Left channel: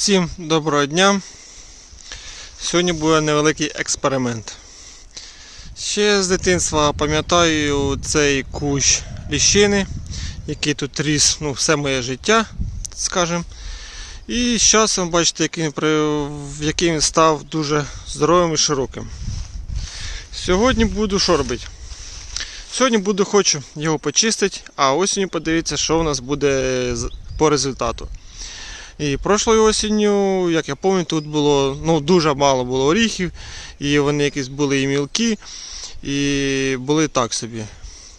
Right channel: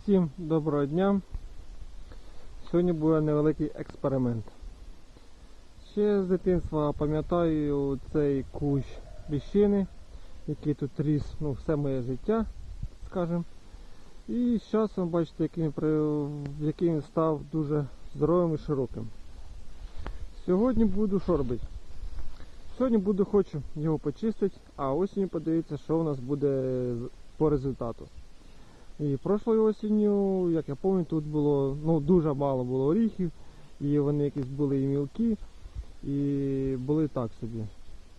Всім доброго дня. Сьогодні буде невеликий експеримент. Ще з дитинства пам'ятаю цей кущ ліщини, який тут ріс ну, все моє життя, скажімо. І з часом бачите, який, він який він став дуже здоровим і широким. Сьогодні буду що робити? Сьогодні буду хочу його почистити, а осінню подивитися, що у нас буде по результату. І прошлою осінню, як я пам'ятаю, тут було ну, дуже мало було оріхів, і вони якісь були і мілкі, і були так собі.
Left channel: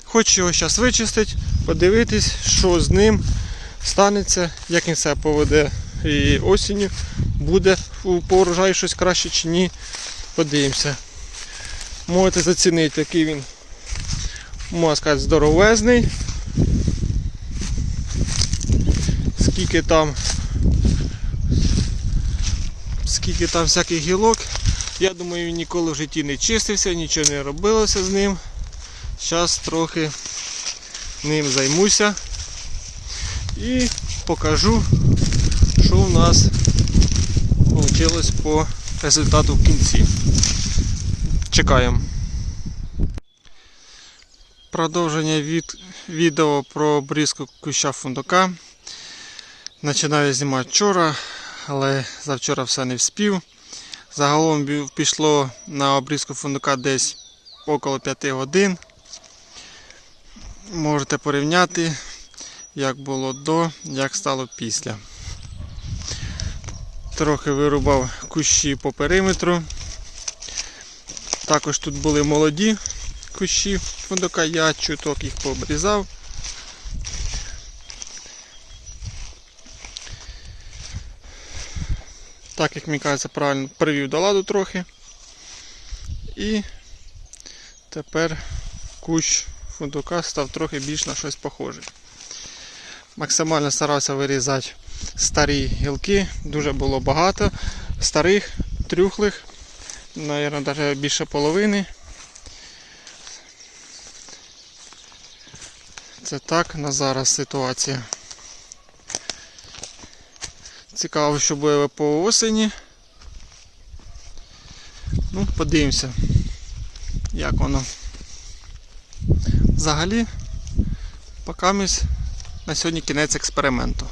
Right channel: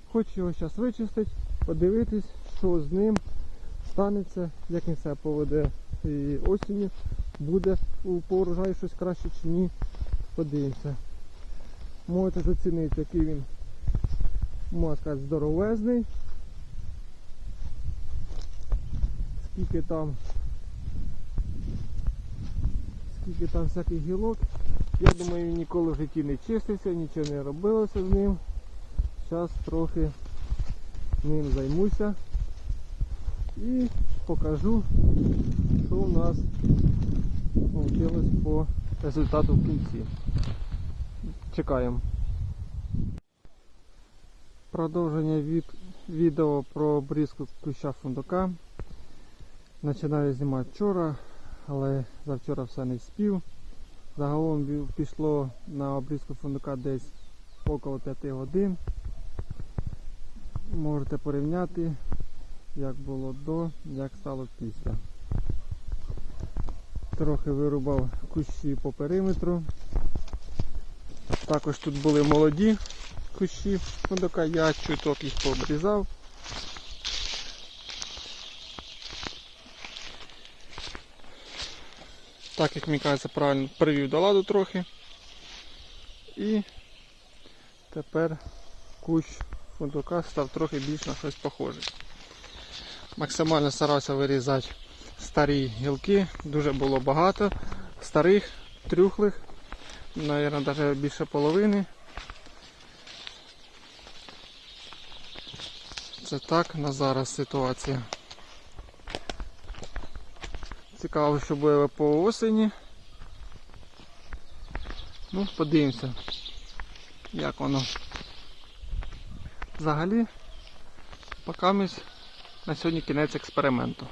Хочу його зараз вичистити, подивитись, що з ним станеться, як він себе поведе і осінню, буде у- по урожаю щось краще чи ні. Подивимося. Можете зацінити, який він, можна сказати, здоровезний. Скільки там скільки там всяких гілок. Я думаю, він ніколи в житті не чистився, нічого не робилося з ним. Зараз трохи ним займуся і покажу, що у нас вийшло по результату в кінці. Чекаємо. Продовження від відео про обрізку куща фундука. Починаю знімати вчора, але завчора все не вспів. Загалом пішло на обрізку фундука десь около 5 годин. Можете порівняти, як було до, як стало після. Трохи вирубав кущі по периметру. Також тут були молоді кущі фундука, я чуток їх пообрізав. Так як мені кажеться, правильно привів до ладу трохи. І тепер кущ фундука став трохи більш на щось похожий. Максимально старався вирізати старі гілки, дуже було багато старих, трюхлих, навіть навіть більше половини. Це так на зараз ситуація. Цікаво, що буде по осені. Ну, подивимося, як воно. Взагалі, поки на сьогодні кінець експерименту.